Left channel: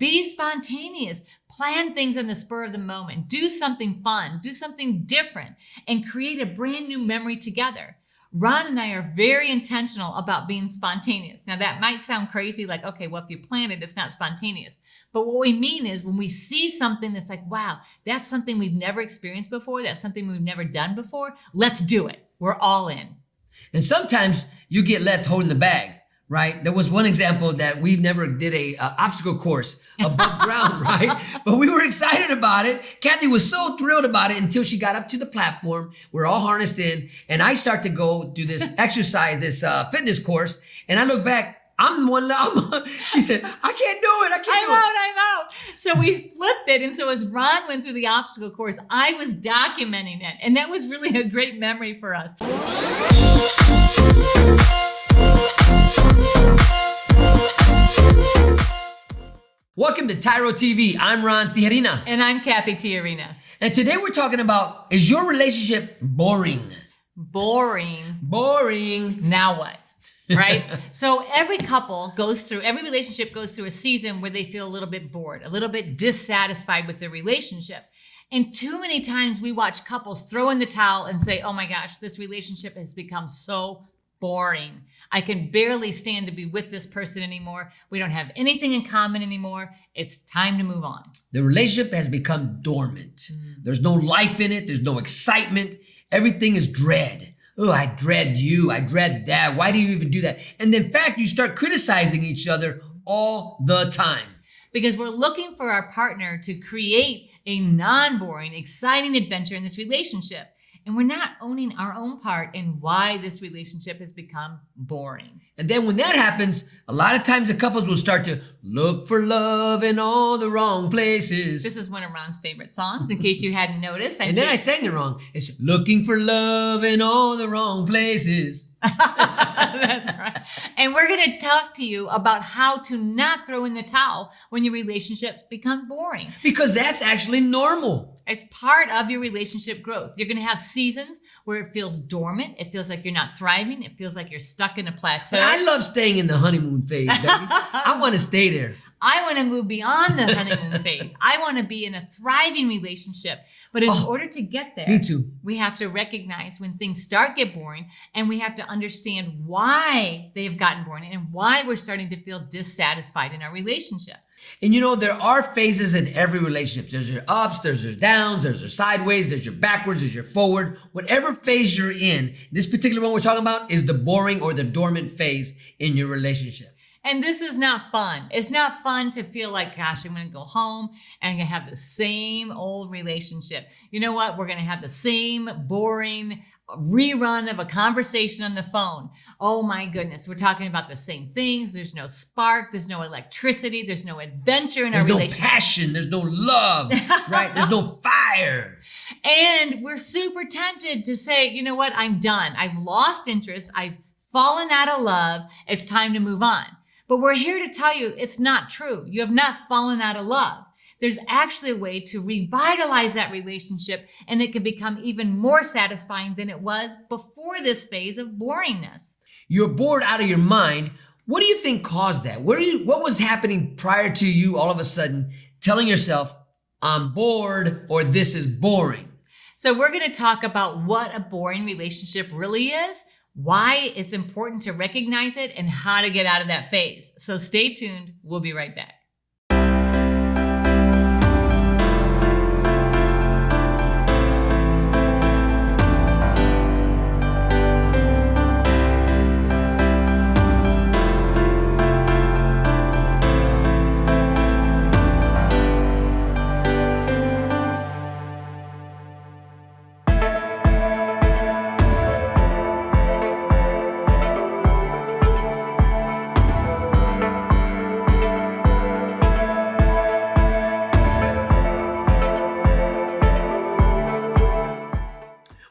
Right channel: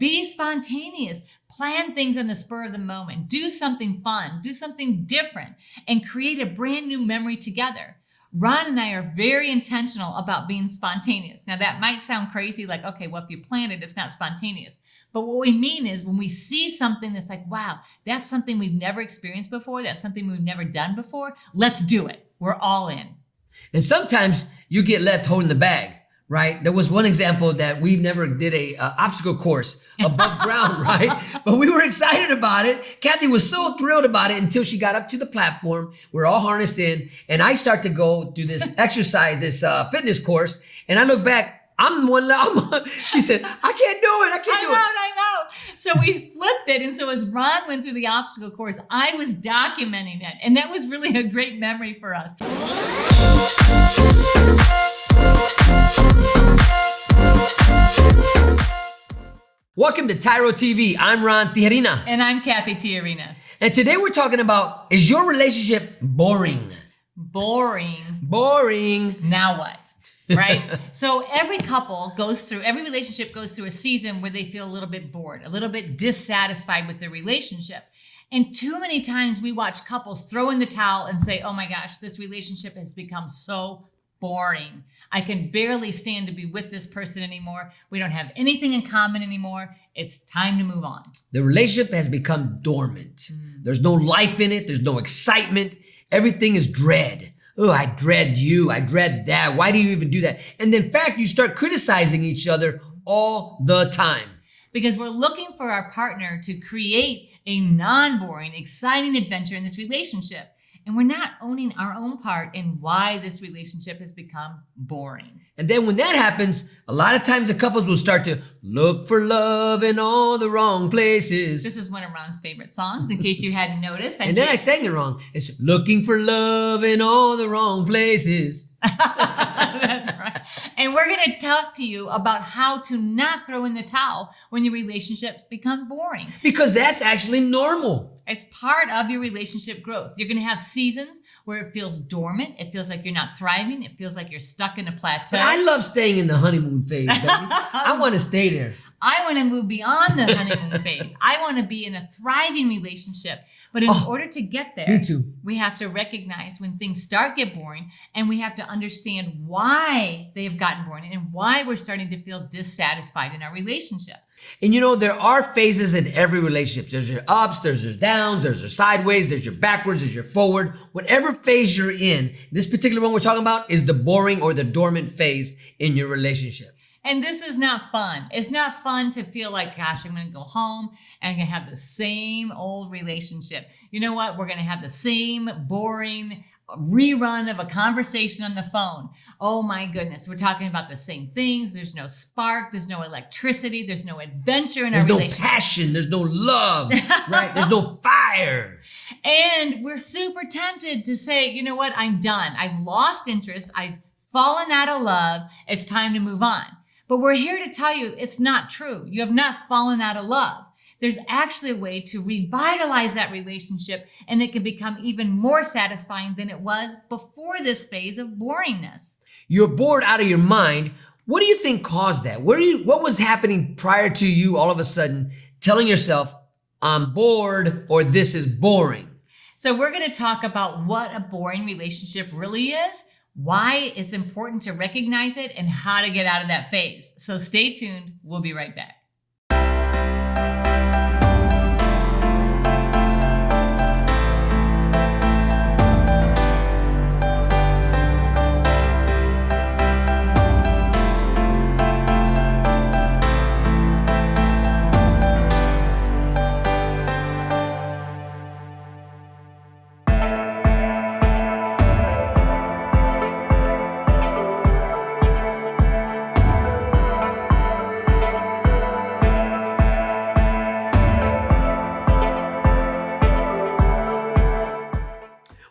be spontaneous. Plan things on the spur of the moment. Do something fun. Do something different and create a brand new memory together. Ron and I are very intentional about being spontaneous. Now that might sound crazy, like, okay, well, if you plan it, it's not spontaneous. But what we mean is when we see something that's like, wow, that's something we've never experienced before. That's something we've never done before. Let's do it. We're all in. And sometimes you get left holding the bag, right? There was one example that we never did a obstacle course above ground, right? But we were excited about it. Cathy was so thrilled about it until she got up to the platform. We're all harnessed in, and I start to go do this exercise, this fitness course, and I look back. She said, I can't do it. I'm out. So we flipped it. And so as Ron went through the obstacle course, I was documenting it. And that was really a great memory for us. Welcome to TYRO TV. I'm Ron Tijerina. And I'm Cathy Tijerina. And today we're talking about, is your relationship boring? Boring. Now what? Right? So every relationship goes through a season where they feel a little bit bored, a little bit dissatisfied with their relationship. And too many times we watch couples throw in the towel and say, oh my gosh, this relationship has become so boring. I can barely stand to be with this person anymore. We don't have anything in common anymore. It's time to move on. The relationship has become dormant. There's no life in it. There's no excitement. Everything is dread. Oh, I dread you. I dread that. Why do you even do that? And in fact, you start criticizing each other all the time. Because we're looking for our partner to create a non-boring, exciting adventure in this relationship. And we're not owning our own part in why this relationship has become boring. And then when that happens, a lot of times the couples will start to look for love in all the wrong places. This is one of Ron's favorite songs, in case you hadn't noticed. And then I sang it wrong. It's looking for love in all the wrong places. That's right. And we're going to talk to you about how to not throw in the towel when your relationships become boring. Because that's actually normal. It's part of your relationship growth. You're going to have seasons where it feels dormant. It feels like you're not thriving. It feels like you're stuck in a plateau. But I love staying in the honeymoon phase, baby. I want to stay there. I want to move beyond the honeymoon phase. I want to be in a thriving relationship. But in order to get there, me too. We have to recognize when things get boring, and we have to understand why they have gotten boring and why we're starting to feel dissatisfied in our relationship. And you know, there are phases in every relationship. There's your ups, there's your downs, there's your sideways, there's your backwards, there's your forward. Whatever phase you're in, this particular one we're talking about is the boring or the dormant phase in your relationship. And this is not fun. It's not fun to feel like, gosh, I'm going to go home and I'm going to have the same old relationship. You know what? We're going to have the same boring rerun of a conversation on the phone. Oh my goodness. We're talking about the same things. There's no spark. There's no electricity. There's no adventure in our relationship. There's no passion. There's no love, right? There's no fire. And we're super tempted to say, you know what? I'm done. I've lost interest. I've fallen out of love. It's time to move on. But we're here to tell you it's not true. You have not fallen out of love. There's actually a way to revitalize that relationship, and it can become even more satisfying than it was before this phase of boringness. You're bored out of your mind. What do you think caused that? What was happening prior to you all of a sudden telling yourself, I'm bored or this is boring? So we're going to talk about what a boring relationship really is, why it's important to recognize it, and how to get out of that phase. So stay tuned. We'll be right back.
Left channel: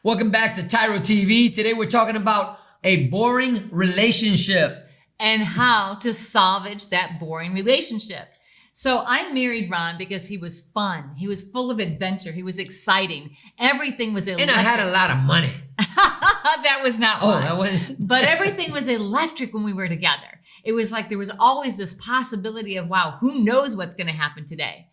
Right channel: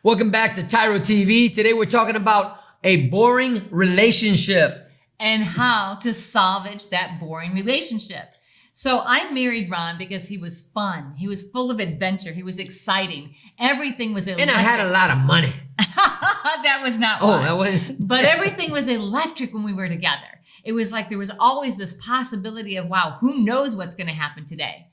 Welcome back to TYRO TV. Today we're talking about a boring relationship. And how to salvage that boring relationship. So I married Ron because he was fun. He was full of adventure. He was exciting. Everything was electric. And I had a lot of money. That was not why. That wasn't. But everything was electric when we were together. It was like there was always this possibility of, wow, who knows what's going to happen today?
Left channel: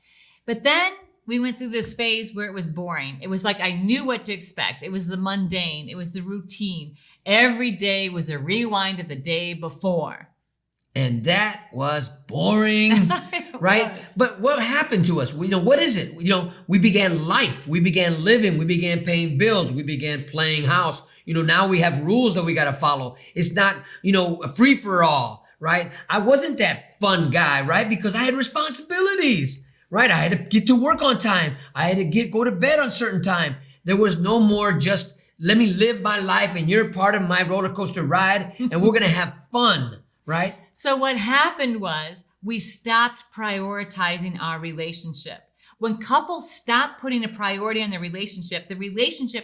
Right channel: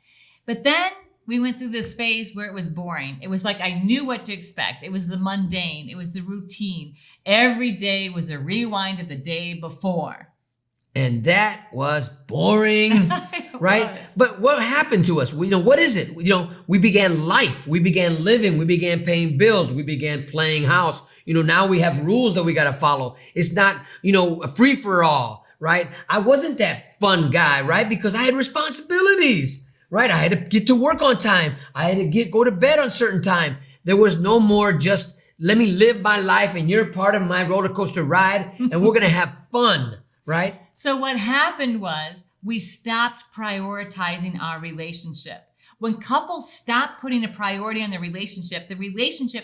But then we went through this phase where it was boring. It was like I knew what to expect. It was the mundane. It was the routine. Every day was a rewind of the day before. And that was boring, right? Was. But what happened to us? What is it? We began life. We began living. We began paying bills. We began playing house. Now we have rules that we got to follow. It's not, a free for all, right? I wasn't that fun guy, right? Because I had responsibilities. Right? I had to get to work on time. I had to go to bed on certain time. There was no more just let me live my life and you're part of my roller coaster ride and we're going to have fun, right? So what happened was we stopped prioritizing our relationship. When couples stop putting a priority on the relationship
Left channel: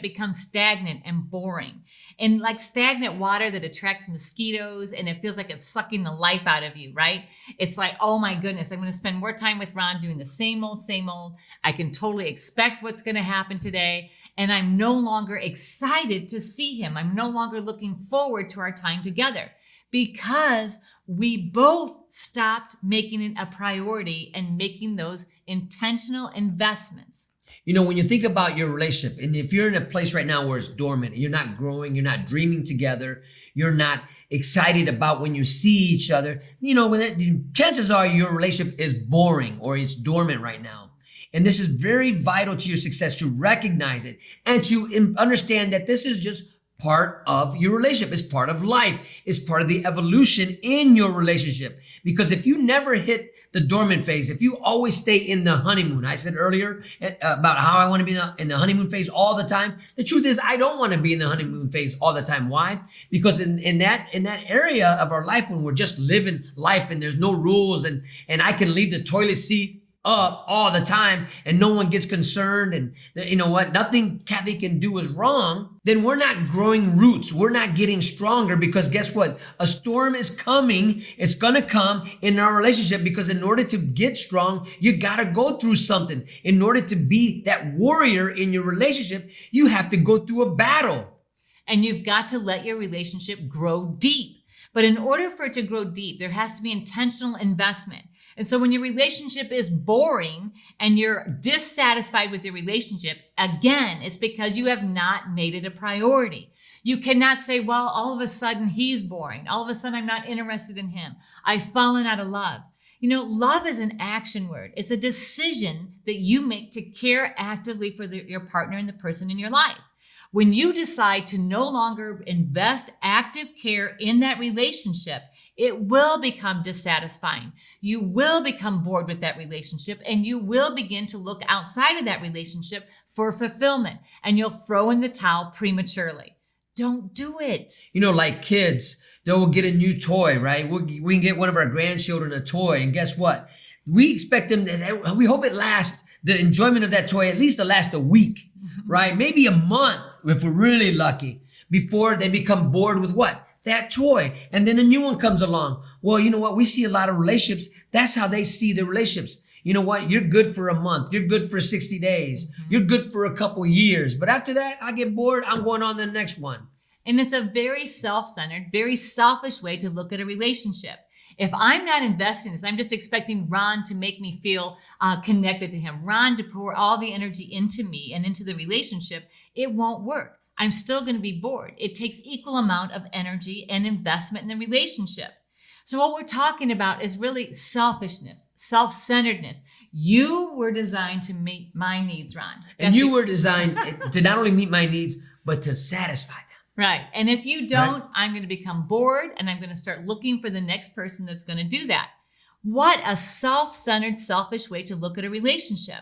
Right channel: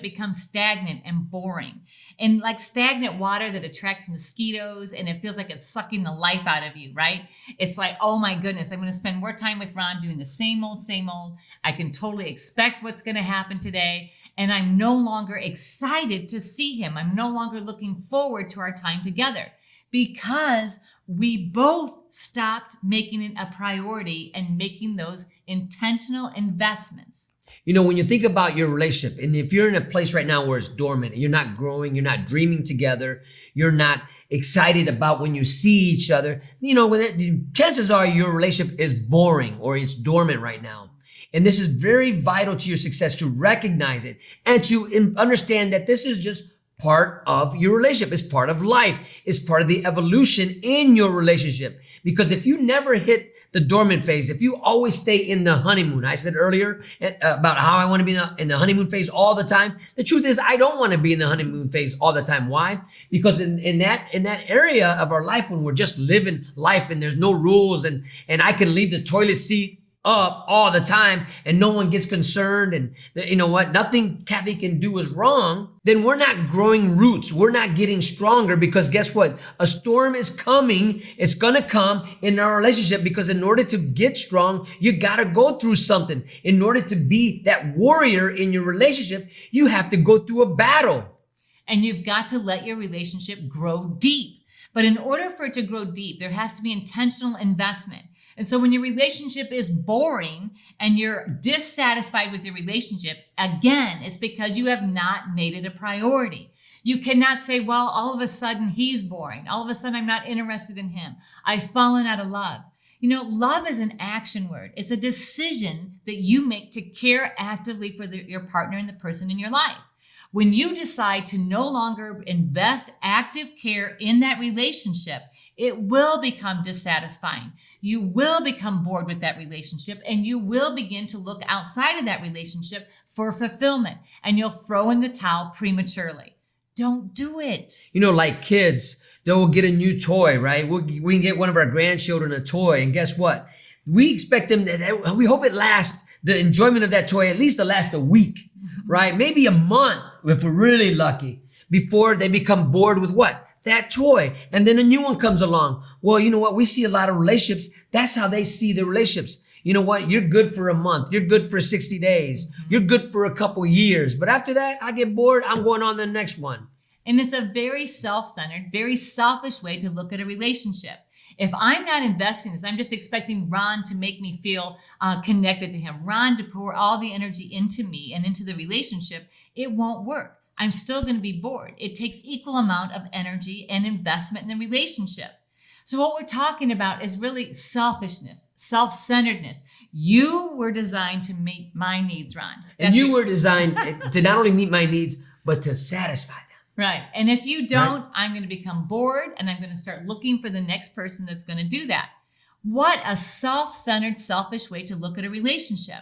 becomes stagnant and boring. And like stagnant water that attracts mosquitoes and it feels like it's sucking the life out of you, right? It's like, oh my goodness, I'm going to spend more time with Ron doing the same old, same old. I can totally expect what's going to happen today. And I'm no longer excited to see him. I'm no longer looking forward to our time together because we both stopped making it a priority and making those intentional investments. When you think about your relationship, and if you're in a place right now where it's dormant and you're not growing, you're not dreaming together, you're not excited about when you see each other, chances are your relationship is boring or it's dormant right now. And this is very vital to your success to recognize it and to understand that this is just part of your relationship. It's part of life. It's part of the evolution in your relationship. Because if you never hit the dormant phase, if you always stay in the honeymoon, I said earlier about how I want to be in the honeymoon phase all the time. The truth is I don't want to be in the honeymoon phase all the time. Why? Because in that area of our life when we're just living life and there's no rules and I can leave the toilet seat up all the time and no one gets concerned and nothing Cathy can do is wrong, then we're not growing roots. We're not getting stronger because guess what? A storm is coming. It's going to come in our relationship because in order to get strong, you got to go through something. In order to be that warrior in your relationship, you have to go through a battle. And you've got to let your relationship grow deep. But in order for it to grow deep, there has to be intentional investment. And so when your relationship is boring and you're dissatisfied with your relationship, again, it's because you have not made it a priority. You cannot say, well, all of a sudden he's boring. All of a sudden I'm not interested in him. I've fallen out of love. Love is an action word. It's a decision that you make to care actively for your partner and the person in your life. When you decide to no longer invest active care in that relationship, it will become dissatisfying. You will become bored with that relationship and you will begin to look outside of that relationship for fulfillment and you'll throw in the towel prematurely. Don't do it. Like kids, they will get a new toy, right? We can get one of our grandchildren a toy and guess what? We expect them, we hope it lasts, the enjoyment of that toy at least to last a week, right? Maybe a month if we're really lucky before they become bored with what? That toy. And then a new one comes along. Well, you know what? We see a lot of relationships. That's how they see the relationships. You know what? You're good for a month. You're good for 60 days. You're good for a couple years. But after that, I get bored. I'm going on to the next one. And it's a very self-centered, very selfish way to look at a relationship. If I'm not investing in this, I'm just expecting Ron to make me feel connected to him. Ron to pour all the energy into me and into the relationship. It won't work. I'm still going to be bored. It takes equal amount of energy and investment in the relationship. So what we're talking about is really selfishness, self-centeredness. You were designed to meet my needs, Ron. And you were designed to not only meet my needs, but to satisfy them. Right. And if you don't, I'm going to become bored and I'm going to start looking for the next person that's going to do that. What a self-centered, selfish way to look at a relationship.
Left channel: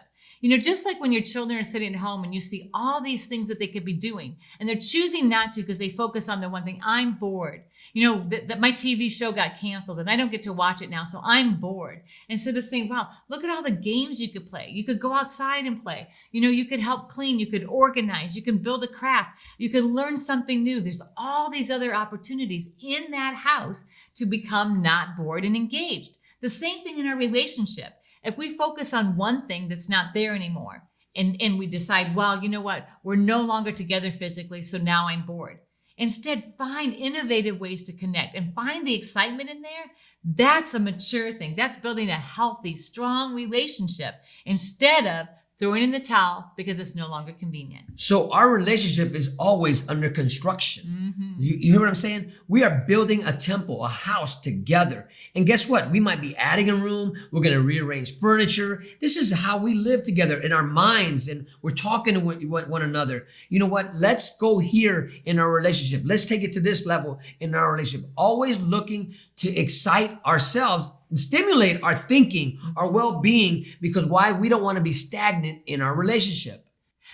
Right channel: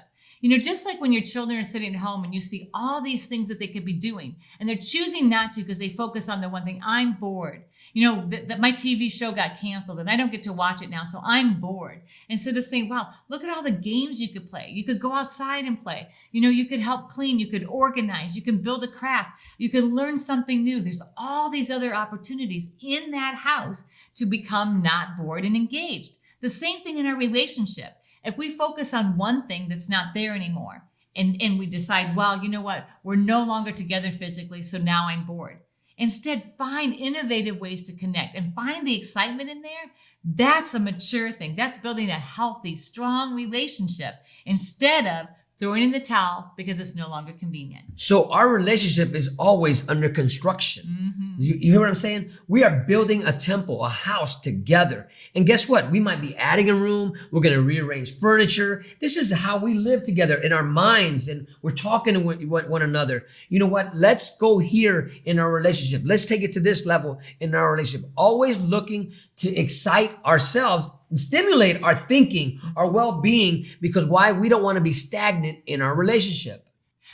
Just like when your children are sitting at home and you see all these things that they could be doing and they're choosing not to because they focus on the one thing, I'm bored. That my TV show got canceled and I don't get to watch it now, so I'm bored. Instead of saying, wow, look at all the games you could play. You could go outside and play. You could help clean. You could organize. You can build a craft. You can learn something new. There's all these other opportunities in that house to become not bored and engaged. The same thing in our relationship. If we focus on one thing that's not there anymore and we decide, well, you know what, we're no longer together physically, so now I'm bored. Instead, find innovative ways to connect and find the excitement in there That's a mature thing. That's building a healthy, strong relationship instead of throwing in the towel because it's no longer convenient. So our relationship is always under construction. Mm-hmm. You hear what I'm saying? We are building a temple, a house together. And guess what? We might be adding a room. We're going to rearrange furniture. This is how we live together in our minds, and we're talking to one another. You know what? Let's go here in our relationship. Let's take it to this level in our relationship. Always looking to excite ourselves and stimulate our thinking, our well-being, because why? We don't want to be stagnant in our relationship.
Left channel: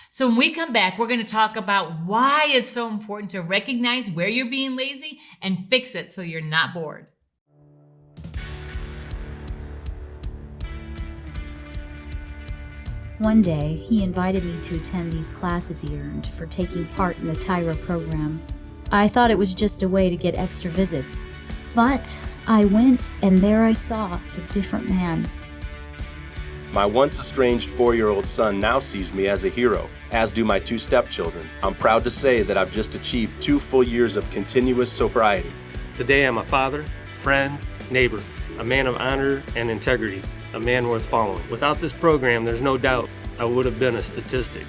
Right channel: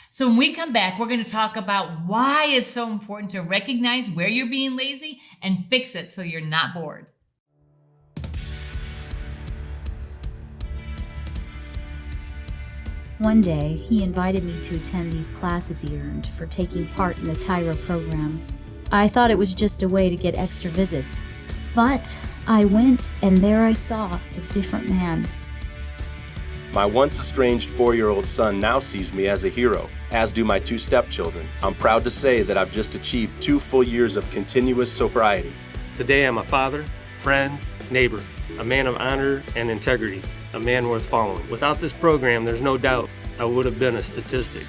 So when we come back, we're going to talk about why it's so important to recognize where you're being lazy and fix it so you're not bored. One day, he invited me to attend these classes he earned for taking part in the TYRO program. I thought it was just a way to get extra visits. But I went, and there I saw a different man. My once estranged 4-year-old son now sees me as a hero, as do my 2 stepchildren. I'm proud to say that I've just achieved 2 full years of continuous sobriety. Today I'm a father, friend, neighbor, a man of honor and integrity, a man worth following. Without this program, there's no doubt I would have been a statistic.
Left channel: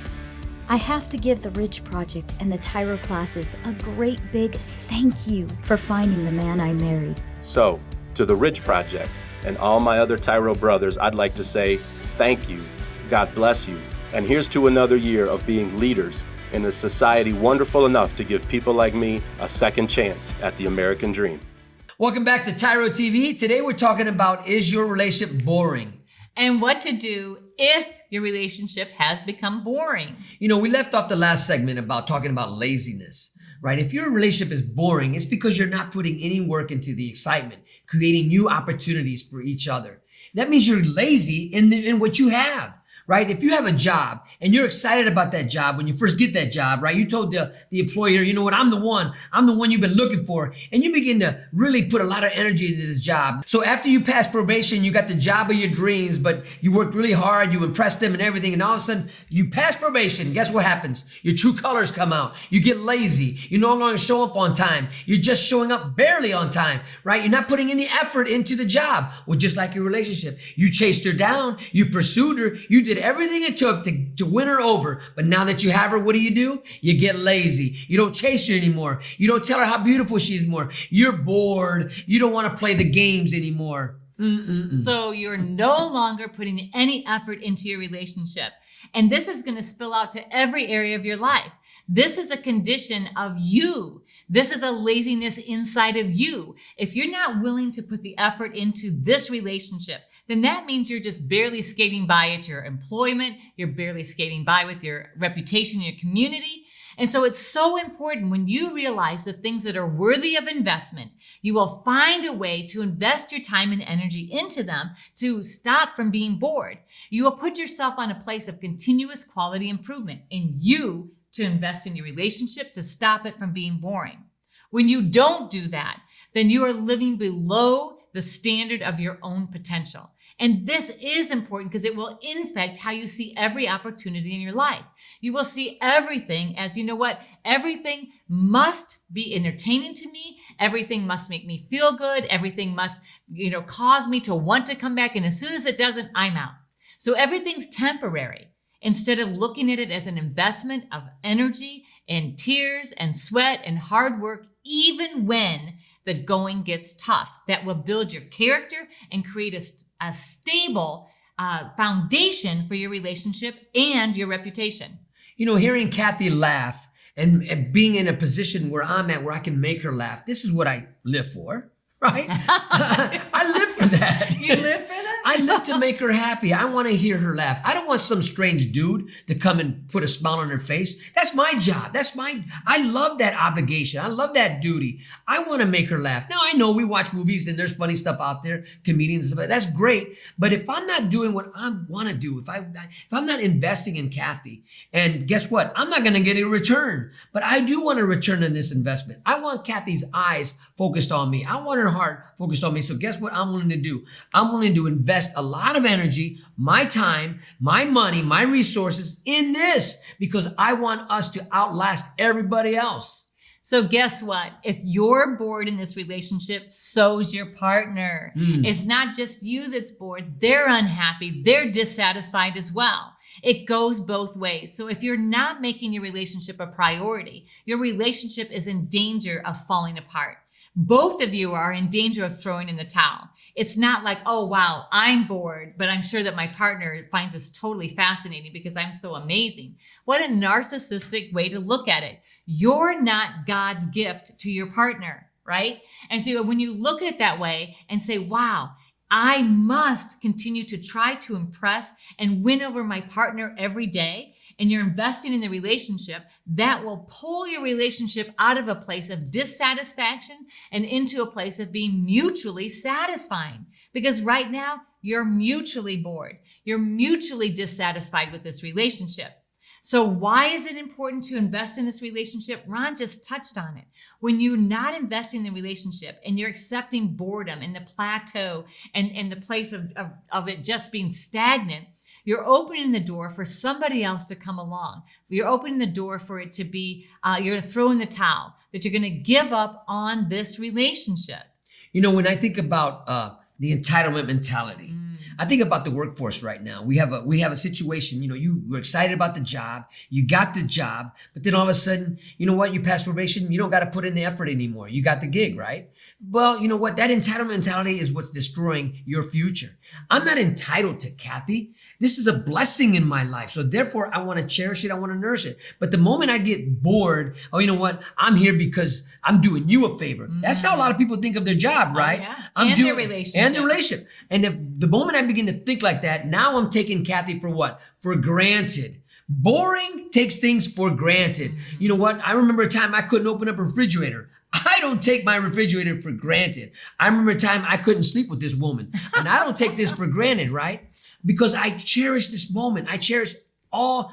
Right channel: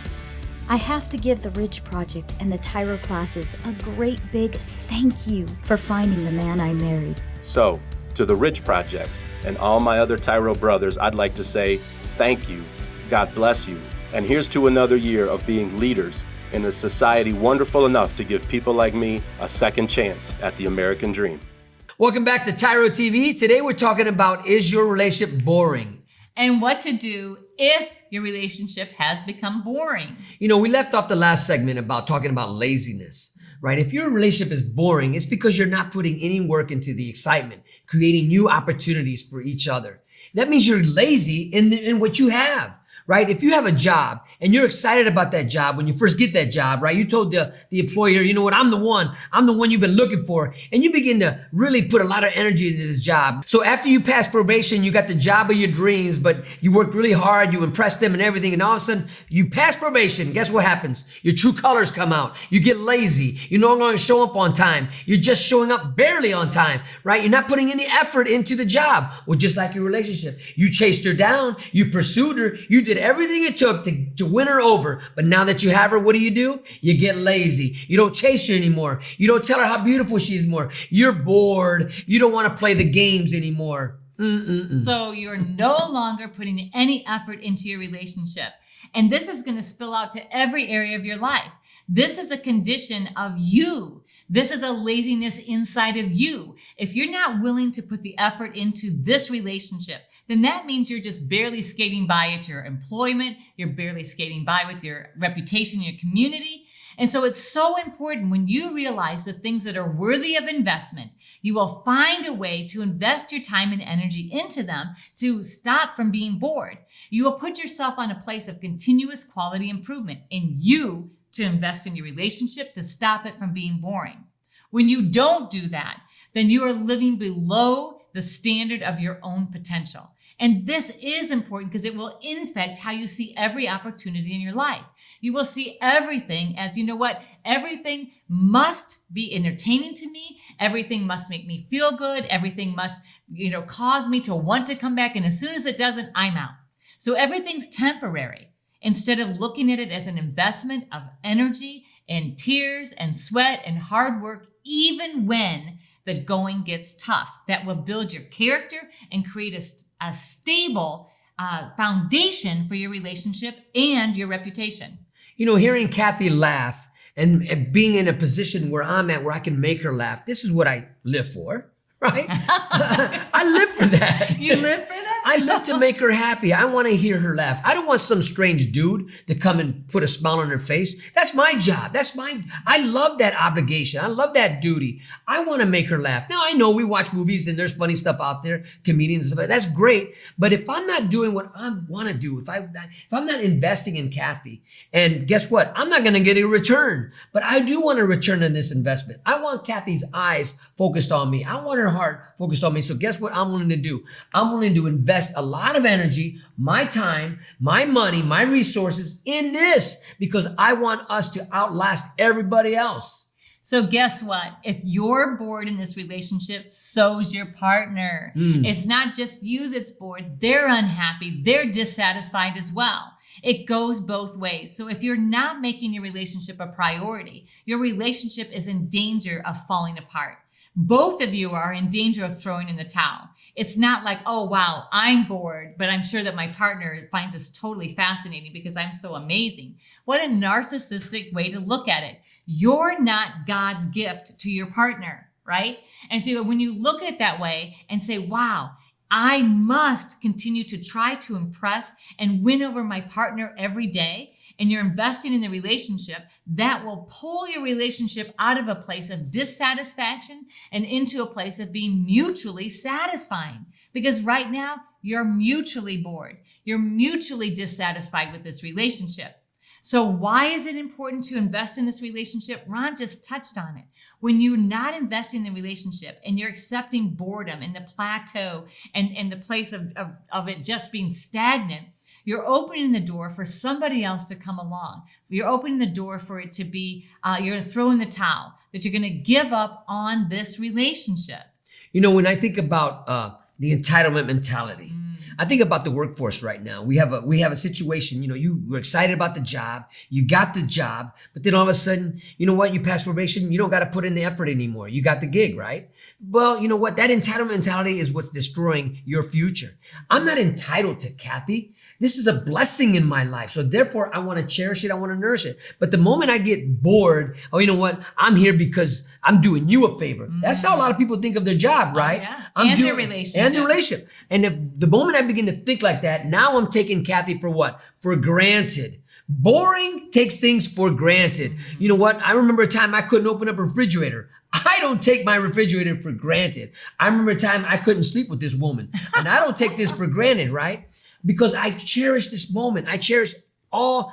I have to give the Ridge Project and the TYRO classes a great big thank you for finding the man I married. So, to the Ridge Project and all my other TYRO brothers, I'd like to say thank you, God bless you, and here's to another year of being leaders in a society wonderful enough to give people like me a second chance at the American dream. Welcome back to TYRO TV. Today we're talking about, is your relationship boring? And what to do if your relationship has become boring. You know, we left off the last segment about talking about laziness, right? If your relationship is boring, it's because you're not putting any work into the excitement, creating new opportunities for each other. That means you're lazy in what you have, right? If you have a job and you're excited about that job when you first get that job, right? You told the employer, you know what, I'm the one you've been looking for. And you begin to really put a lot of energy into this job. So after you pass probation, you got the job of your dreams, but you worked really hard, you impressed them and everything. And all of a sudden you pass probation. Guess what happens? Your true colors come out. You get lazy. You no longer show up on time. You're just showing up barely on time, right? You're not putting any effort into the job. Well, just like your relationship, you chased her down, you pursued her, you did everything it took to win her over. But now that you have her, what do? You get lazy. You don't chase her anymore. You don't tell her how beautiful she is more. You're bored. You don't want to play the games anymore. So you're no longer putting any effort into your relationship. And this is going to spill out to every area of your life. This is a condition of you. This is a laziness inside of you. If you're not willing to put the effort into this relationship, then that means you're just barely skating by at your employment. You're barely skating by with your reputation in your community. And so it's so important when you realize the things that are worthy of investment, you will find a way to invest your time and energy into them to stop from being bored. You will put yourself on a place of continuous quality improvement in you to invest in your relationship to stop it from being boring. When you don't do that, then you are living below the standard of your own potential. And this is important because it will infect how you see every opportunity in your life. You will see everything as, you know what, everything must be entertaining to me. Everything must make me feel good. Everything must, cause me to want to come back. And as soon as it doesn't, I'm out. So everything's temporary instead of looking at it as an investment of energy and tears and sweat and hard work, even when the going gets tough. That will build your character and create a stable foundation for your relationship and your reputation. You know, hearing Cathy laugh and being in a position where I'm at, where I can make her laugh, this is what I live for, right? I live for that. You live for that? I live to make her happy. I want to hear her laugh. I don't want some strange dude to come and put a smile on her face. That's my job. I love that obligation. I love that duty. I want to make her laugh. Now, I know we watch movies and there's funny stuff out there, comedians and stuff like that. That's great. But if I'm not doing what I want to do, if I'm not investing in Cathy, and guess what? I'm not going to get a return. But I do want a return on this investment. I want Cathy's eyes focused on me. I want her heart focused on me. So guess what I'm willing to do? I'm willing to invest a lot of energy, my time, my money, my resources in this because I want us to outlast everybody else. So guess what? If you're bored in this relationship, so's your partner. It's not just you that's bored. They're unhappy. They're dissatisfied as well. It goes both ways. So if you're not making your relationship a priority, your relationship is in danger of falling apart. Both of you are in danger of throwing in the towel. It's not like, oh, wow, I'm bored, but I'm sure that my partner finds this totally fascinating because I'm so amazing. What a narcissistic way to look at it. You're not God's gift to your partner, right? And so when you look at it that way and say, wow, I must continue to try to impress and win over my partner every day, and you're investing in the relationship, that will pull your relationship out of a place of dissatisfaction and into a place of being mutually satisfying. Because right now, you're mutually bored. You're mutually dissatisfied with this relationship. So why is it important to invest in this relationship? Ron just touched on it. When you're not investing in the relationship and you're accepting boredom and the plateau and the place of it just being stagnant, you're opening the door for somebody else to come along. You're opening the door for it to be, you're going to throw in the towel, that you're going to give up on this relationship. You know, when I think about the entitlement mentality, I think about the workforce right now. We have a situation, you know, you were excited about the job, you got the job, but then all of a sudden, you know what, you pass probation, you don't got to put in the effort anymore. You got the gig, right? Well, you know what, that entitlement mentality is what's destroying your future. I'm not entitled to Cathy. This is a blessing in my life. So therefore, I want to cherish it. I want to nourish it. But the moment I get bored, oh, you know what? I'm here because I'm doing you a favor. That's how a lot of people think of their job, right? Yeah. I'm Their relationship. And their relationship. And if the moment I begin to think like that, now I'm taking Cathy for what? For granted. Boring takes things for granted. You know what? I remember a time I couldn't open up a refrigerator. I don't take my refrigerator for granted. I remember a time I couldn't sleep with this woman. And I don't take this for granted, right? Because I cherish this moment. I cherish all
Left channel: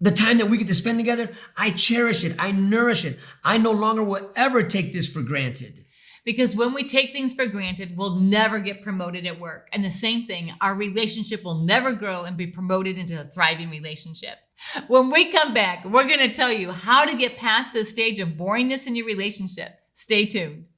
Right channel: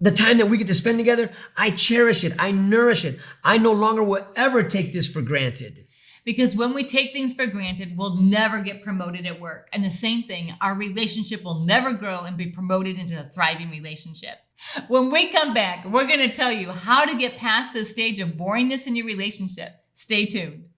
the time that we get to spend together. I cherish it. I nourish it. I no longer will ever take this for granted. Because when we take things for granted, we'll never get promoted at work. And the same thing, our relationship will never grow and be promoted into a thriving relationship. When we come back, we're going to tell you how to get past this stage of boringness in your relationship. Stay tuned.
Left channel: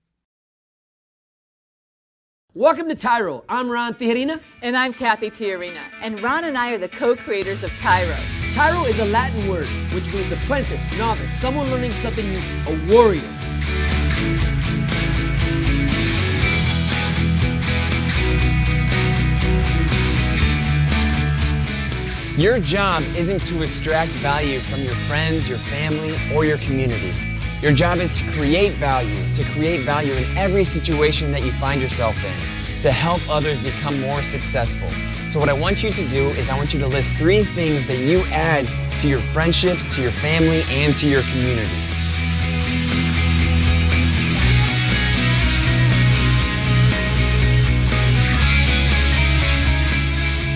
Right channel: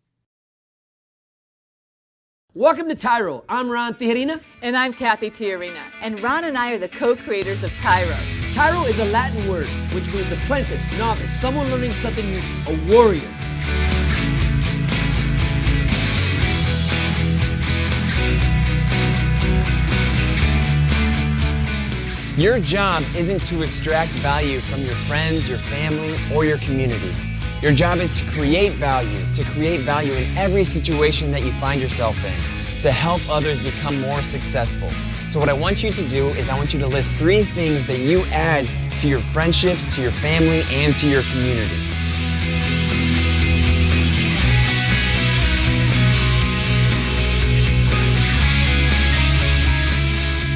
Welcome to TYRO. I'm Ron Tijerina. And I'm Cathy Tijerina. And Ron and I are the co-creators of TYRO. TYRO is a Latin word, which means apprentice, novice, someone learning something new, a warrior. Your job isn't to extract value from your friends, your family, or your community. Your job is to create value in every situation that you find yourself in, to help others become more successful. So what I want you to do is I want you to list 3 things that you add to your friendships, to your family, and to your community.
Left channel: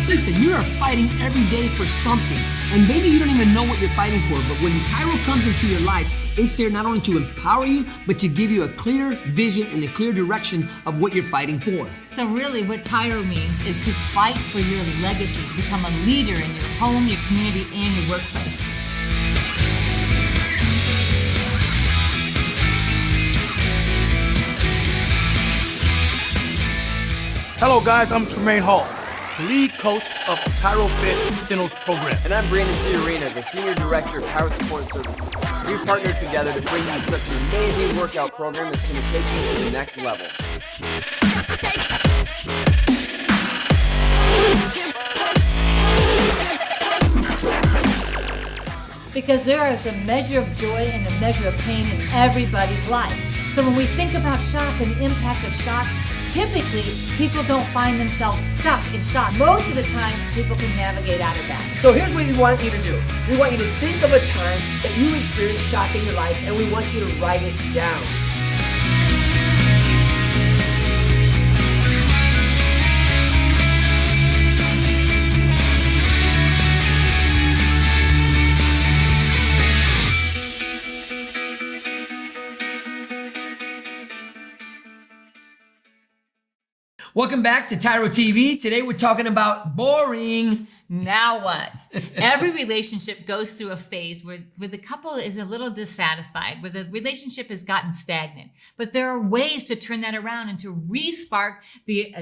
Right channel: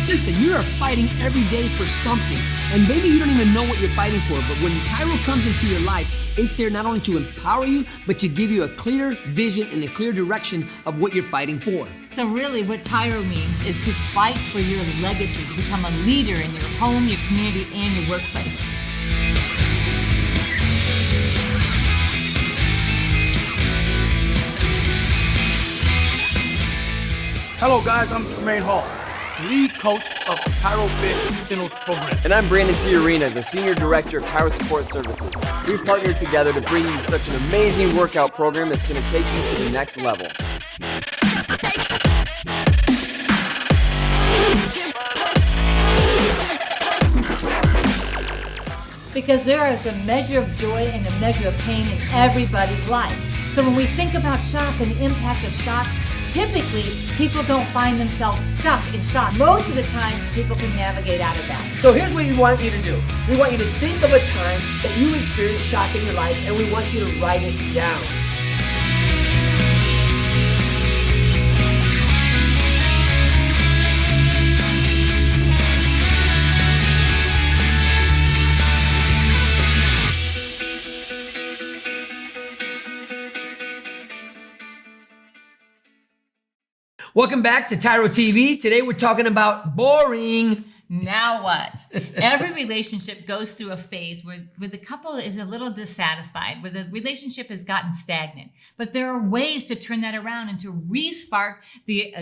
Listen, you are fighting every day for something, and maybe you don't even know what you're fighting for, but when TYRO comes into your life, it's there not only to empower you, but to give you a clear vision and a clear direction of what you're fighting for. So really what TYRO means is to fight for your legacy, to become a leader in your home, your community, and your workplace. Hello guys, I'm Tremaine Hall, lead coach of the TYRO Fit Skills program. And I'm Brandon Tijerina, the Senior Director of TYRO Support Services. We partnered together to bring you such an amazing workout program that's going to take you to the next level. Because there is a measure of joy and a measure of pain in everybody's life. So when we think about shock and the impact of shock, typically, people don't find themselves stuck in shock. Most of the time, people can navigate out of that. So here's what we want you to do. We want you to think of a time that you experienced shock in your life, and we want you to write it down. Welcome back to TYRO TV. Today we're talking about boring. Now what? Every relationship goes through a phase where the couple is a little dissatisfied, where the relationship has gotten stagnant. But there are ways to turn that around and to re-spark the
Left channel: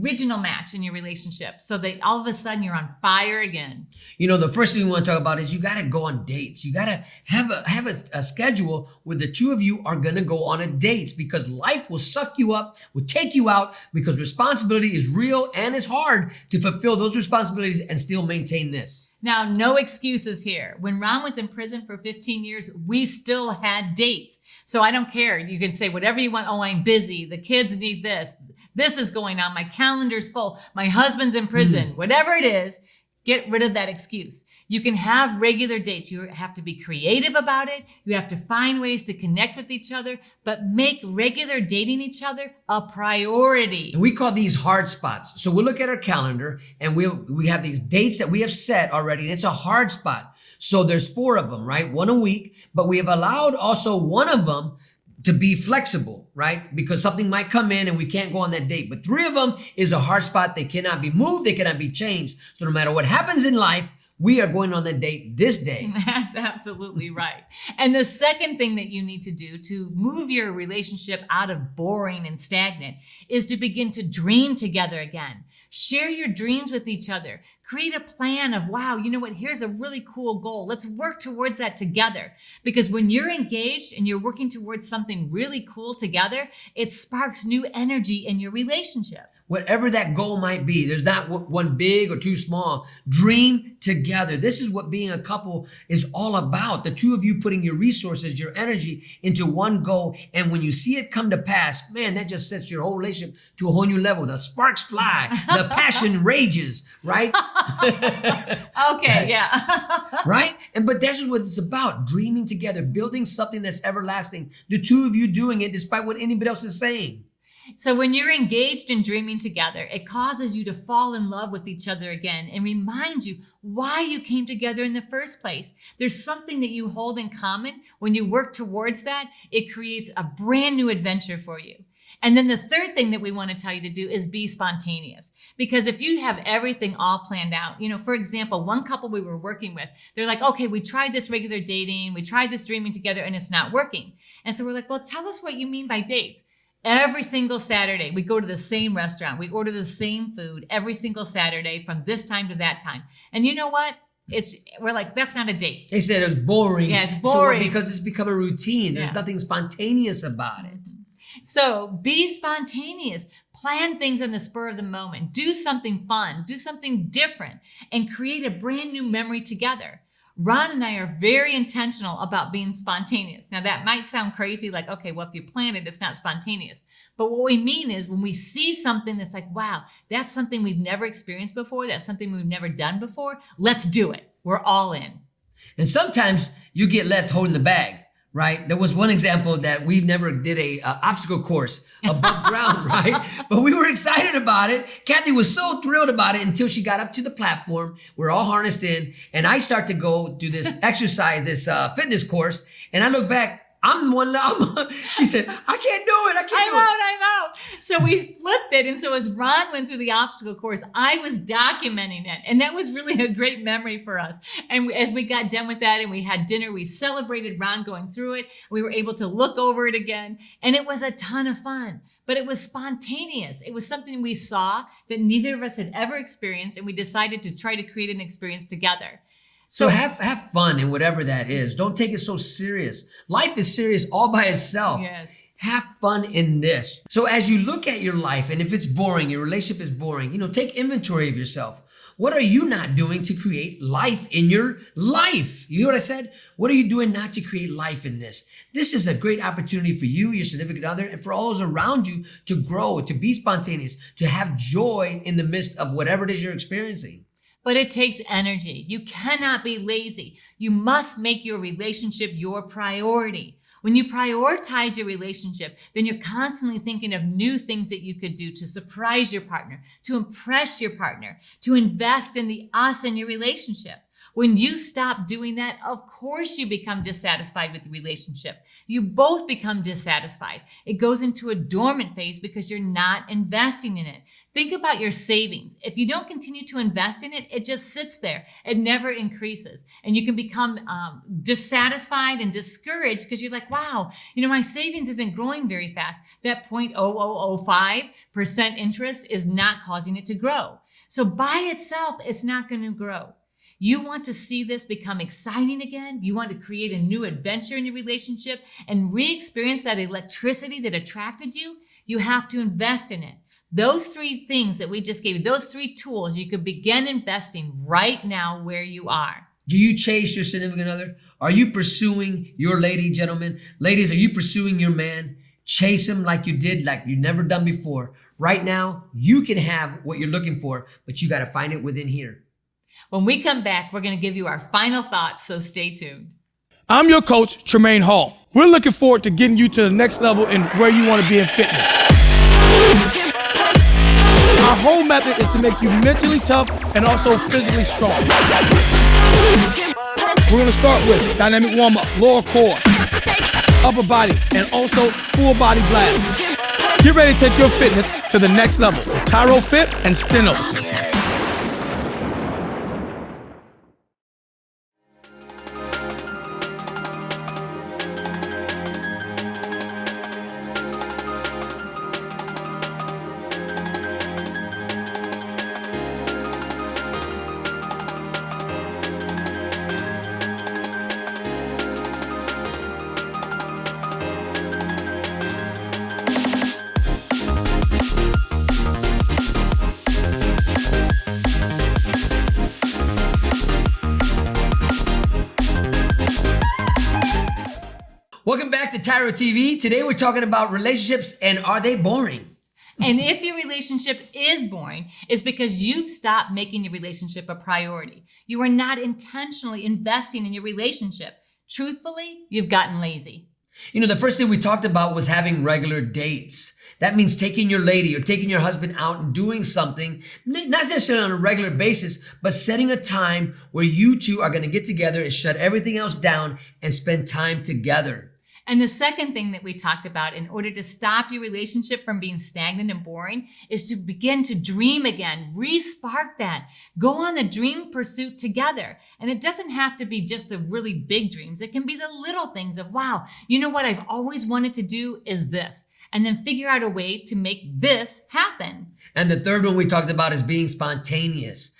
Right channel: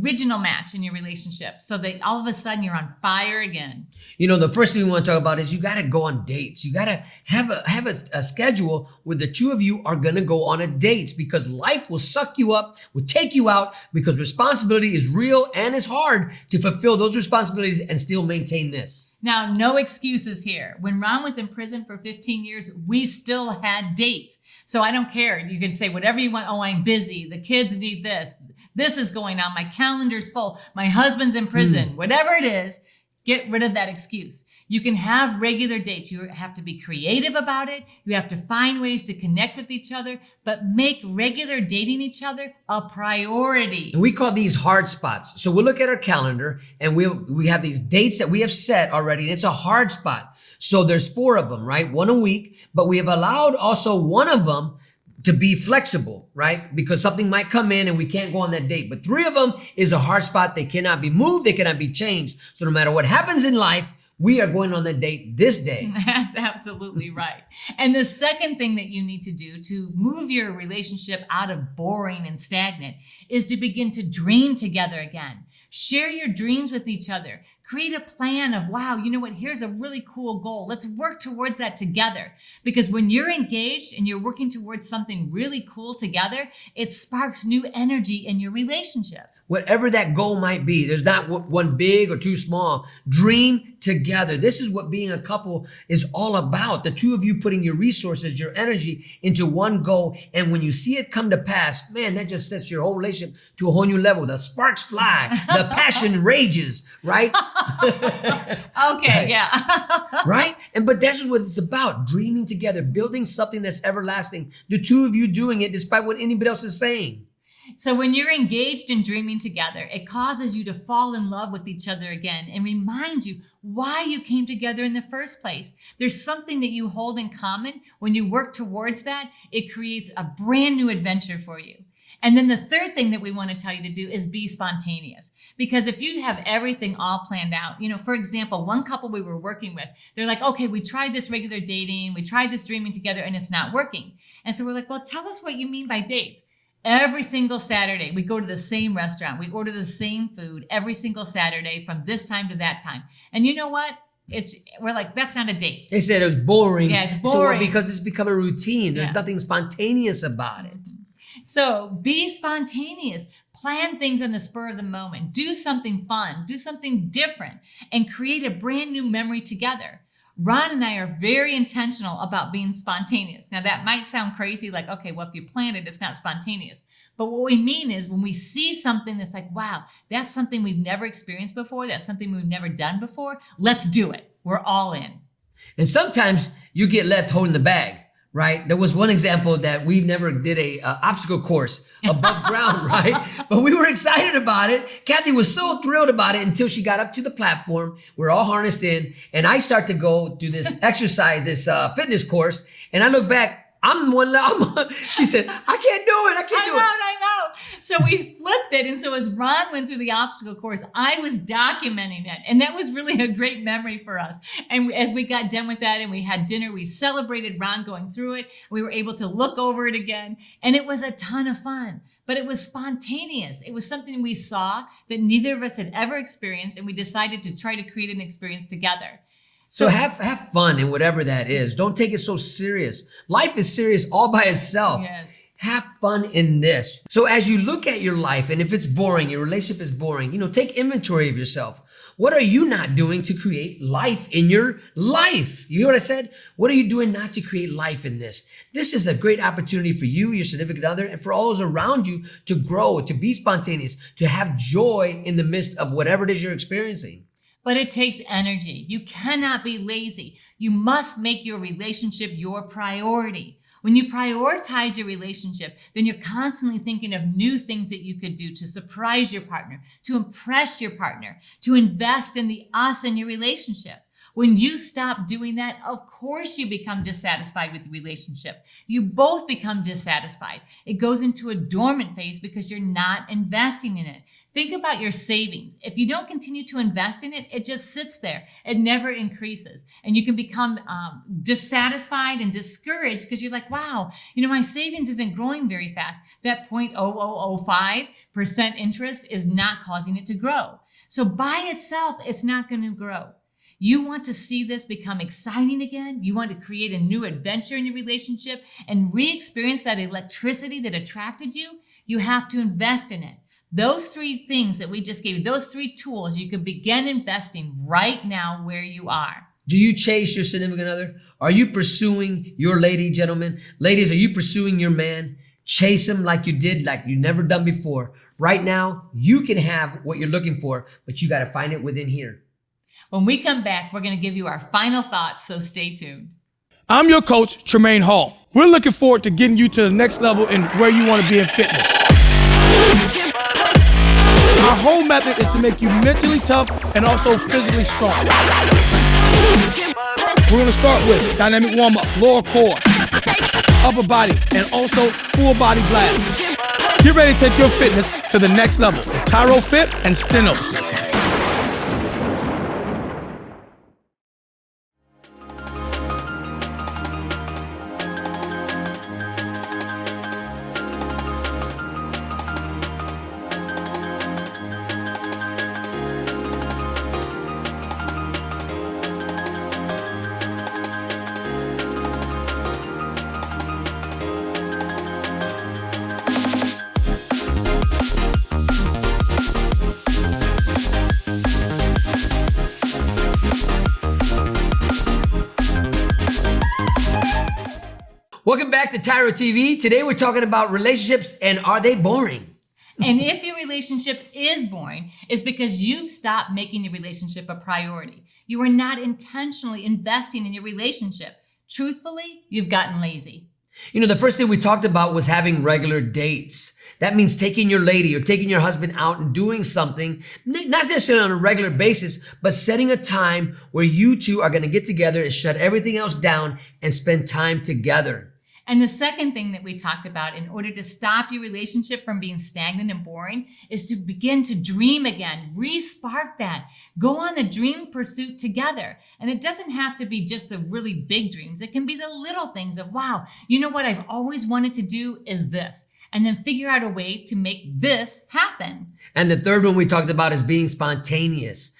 original match in your relationship so that all of a sudden you're on fire again. You know, the first thing we want to talk about is you got to go on dates. You got to have a schedule where the two of you are going to go on a date, because life will suck you up, will take you out, because responsibility is real and it's hard to fulfill those responsibilities and still maintain this. Now, no excuses here. When Ron was in prison for 15 years, we still had dates. So I don't care. You can say whatever you want. Oh, I'm busy. The kids need this. This is going on. My calendar's full. My husband's in prison. Whatever it is, get rid of that excuse. You can have regular dates. You have to be creative about it. You have to find ways to connect with each other, but make regular dating each other a priority. And we call these hard spots. So we'll look at our calendar and we have these dates that we have set already, and it's a hard spot. So there's 4 of them, right? 1 a week, but we have allowed also 1 of them to be flexible, right? Because something might come in and we can't go on that date. But 3 of them is a hard spot. They cannot be moved. They cannot be changed. So no matter what happens in life, we are going on the date this day. That's absolutely right. And the second thing that you need to do to move your relationship out of boring and stagnant is to begin to dream together again. Share your dreams with each other. Create a plan of, wow, you know what? Here's a really cool goal. Let's work towards that together. Because when you're engaged and you're working towards something really cool together, it sparks new energy in your relationship. Whatever that goal might be, there's not one big or too small. Dream together. This is what being a couple is all about. The two of you putting your resources, your energy into one goal. And when you see it come to pass, man, that just sets your whole relationship to a whole new level. The sparks fly, the passion rages, right? Okay, right. Yeah. Right? But that's what it's about. Dreaming together, building something that's everlasting. The two of you doing it despite what anybody else is saying. So when you're engaged in dreaming together, it causes you to fall in love with each other again and reminds you why you came together in the first place. There's something that you hold in common. When you work towards that, it creates a brand new adventure for you. And then the third thing that we want to tell you to do is be spontaneous. Because if you have everything all planned out, you know, for example, one couple we were working with, they're like, okay, we tried this regular dating, we tried this dreaming together, and it's not working. And so we're like, well, tell us what you mean by dates. Every single Saturday, we go to the same restaurant. We order the same food every single Saturday from this time to that time. And you know what? We're like, that's not a date. They said it was boring. Yeah, it's boring. So because it's become a routine. There's nothing spontaneous about it. So be spontaneous. Plan things on the spur of the moment. Do something fun. Do something different. And create a brand new memory together. Ron and I are very intentional about being spontaneous. Now that might sound crazy, like, okay, well, if you plan it, it's not spontaneous. But what we mean is when we see something that's like, wow, that's something we've never experienced before, that's something we've never done before, let's do it. We're all in. And sometimes you get left holding the bag, right? There was one example that we never did a obstacle course above ground, right? But we were excited about it. Cathy was so thrilled about it until she got up to the platform. We're all harnessed in, and I start to go do this exercise, this fitness course, and I look back. She said, I can't do it. I'm out. So we flipped it. And so as Ron went through the obstacle course, I was documenting it. And that was really a great memory for us. And as we got done with that and we had dinner, we celebrated Ron going through it. We were able to look over it again. And it was a ton of fun. But it was spontaneous. It was something we saw that neither of us had ever experienced. And we decided to try to create an experience together. So have fun in whatever that is. Don't take it so serious. Life is serious all by itself. Yes. Have fun in this. So as you look at your life, and if it's boring, your relationship is boring, take inventory of yourself. What are you not doing to create life in your life? You hear what I said? What are you doing not to create life in this? This is a great opportunity for you, your significant other, and for all those around you to grow, to be spontaneous, to have joy in the midst of whatever it is you're experiencing. But it takes energy. You cannot be lazy. You must make your relationship your priority. When you prioritize your relationship, then you're constantly thinking of new things that you could do to surprise your partner, to impress your partner, to invest in the us in your relationship. When you stop doing that, of course you become dissatisfied with the relationship. You both become dissatisfied. It goes into a dormant phase because you're not investing in it. Think about your savings. If you don't continue to invest in it, it just sits there. It never increases. And you can become dissatisfied and discouraged because you're like, wow, my savings isn't growing very fast. That 0.0005% interest is not causing it to grow. So by itself, it's not going to grow. You want to see this become exciting again. You want to create a new adventure in your relationship and re-experience that electricity that attracted you. You have to invest in it. Those 3 things that we just gave you, those 3 tools, you could begin investing right now where you are. Do you chase your significant other? Are you pursuing your lady, gentlemen? Ladies, are you pursuing your man? Chase him like you did, like you've never done before. Right now, you can have what you're looking for, but you got to find it within here. When we come back, we're going to give you our final thoughts, so stay tuned. I'm your coach, Tremaine Hall. We're looking forward to getting you to the next level in where you want to be in fitness. Our whole method is to make you mentally tough and also physically strong. We're going to start with dynamic warm-up, lower core, upper body, and also full body blast. Get ready to take your fitness to the next level with TYRO Fit and Stenos. Welcome back to TYRO TV. Today we're talking about relationships and are they boring? And if your relationship is boring, it's because you've stopped making your relationship a priority. You are not intentionally investing in your relationship. Truthfully, you've gotten lazy. The first thing we talked about was having regular dates. That means taking your lady or taking your husband out and doing something, not necessarily on a regular basis, but setting a time where you two are going to get together and shut everything else down and spend time together. And the second thing that we talked about in order to stop your relationship from being stagnant and boring is to begin to dream again, re-spark that, go on the dream pursuit together. And it doesn't have to be just the really big dreams. It can be the little things of, wow, what I've always wanted to do is this. And then figure out a way to make this happen. And the third one we talked about is being spontaneous.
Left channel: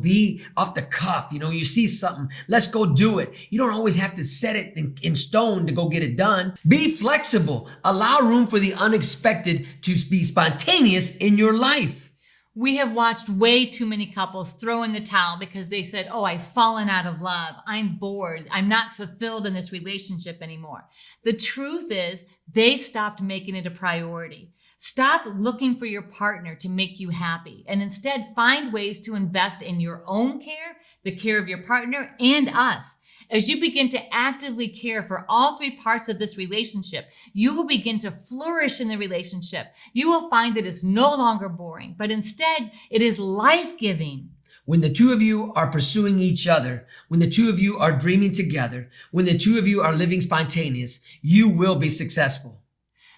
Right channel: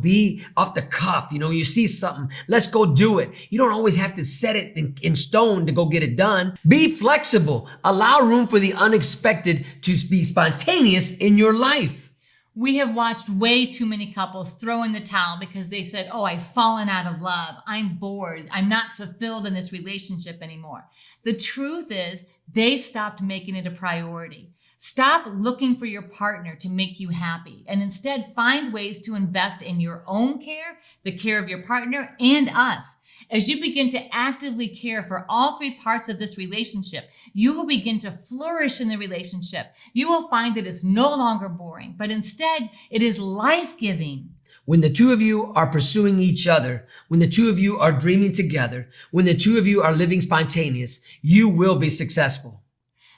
Be off the cuff. You see something, let's go do it. You don't always have to set it in stone to go get it done. Be flexible. Allow room for the unexpected to be spontaneous in your life. We have watched way too many couples throw in the towel because they said, oh, I've fallen out of love. I'm bored. I'm not fulfilled in this relationship anymore. The truth is they stopped making it a priority. Stop looking for your partner to make you happy and instead find ways to invest in your own care, the care of your partner, and us. As you begin to actively care for all 3 parts of this relationship, you will begin to flourish in the relationship. You will find that it's no longer boring, but instead it is life-giving. When the two of you are pursuing each other, when the two of you are dreaming together, when the two of you are living spontaneous, you will be successful.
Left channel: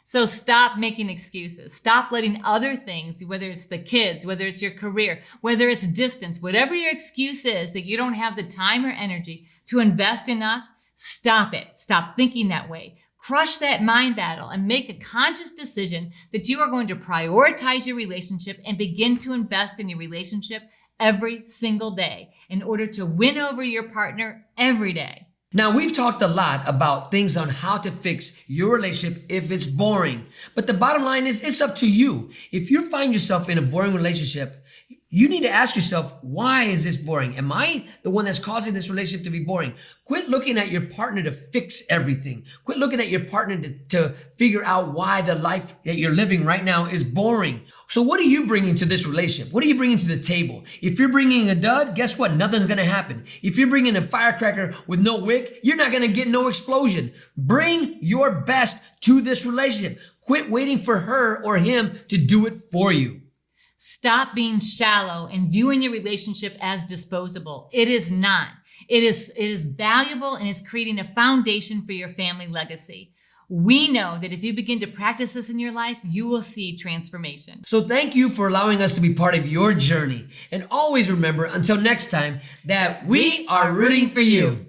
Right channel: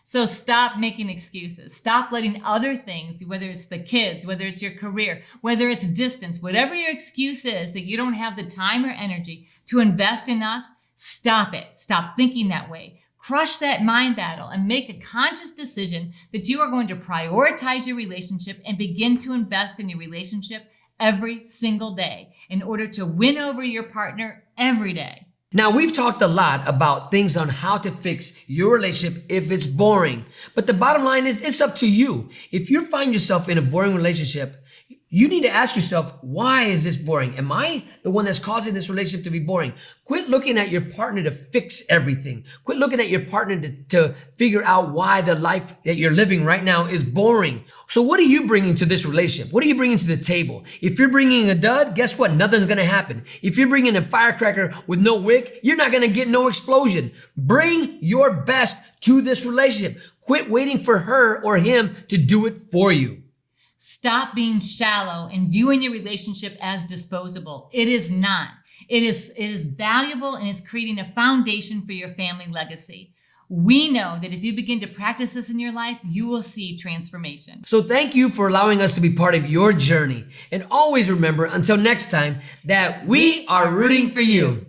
So stop making excuses. Stop letting other things, whether it's the kids, whether it's your career, whether it's distance, whatever your excuse is that you don't have the time or energy to invest in us, stop it. Stop thinking that way. Crush that mind battle and make a conscious decision that you are going to prioritize your relationship and begin to invest in your relationship every single day in order to win over your partner every day. Now, we've talked a lot about things on how to fix your relationship if it's boring. But the bottom line is it's up to you. If you find yourself in a boring relationship, you need to ask yourself, why is this boring? Am I the one that's causing this relationship to be boring? Quit looking at your partner to fix everything. Quit looking at your partner to figure out why the life that you're living right now is boring. So what are you bringing to this relationship? What are you bringing to the table? If you're bringing a dud, guess what? Nothing's going to happen. If you're bringing a firecracker with no wick, you're not going to get no explosion. Bring your best to this relationship. Quit waiting for her or him to do it for you. Stop being shallow and viewing your relationship as disposable. It is not. It is valuable and is creating a foundation for your family legacy. We know that if you begin to practice this in your life, you will see transformation. So thank you for allowing us to be part of your journey. And always remember, until next time, that we are rooting for you.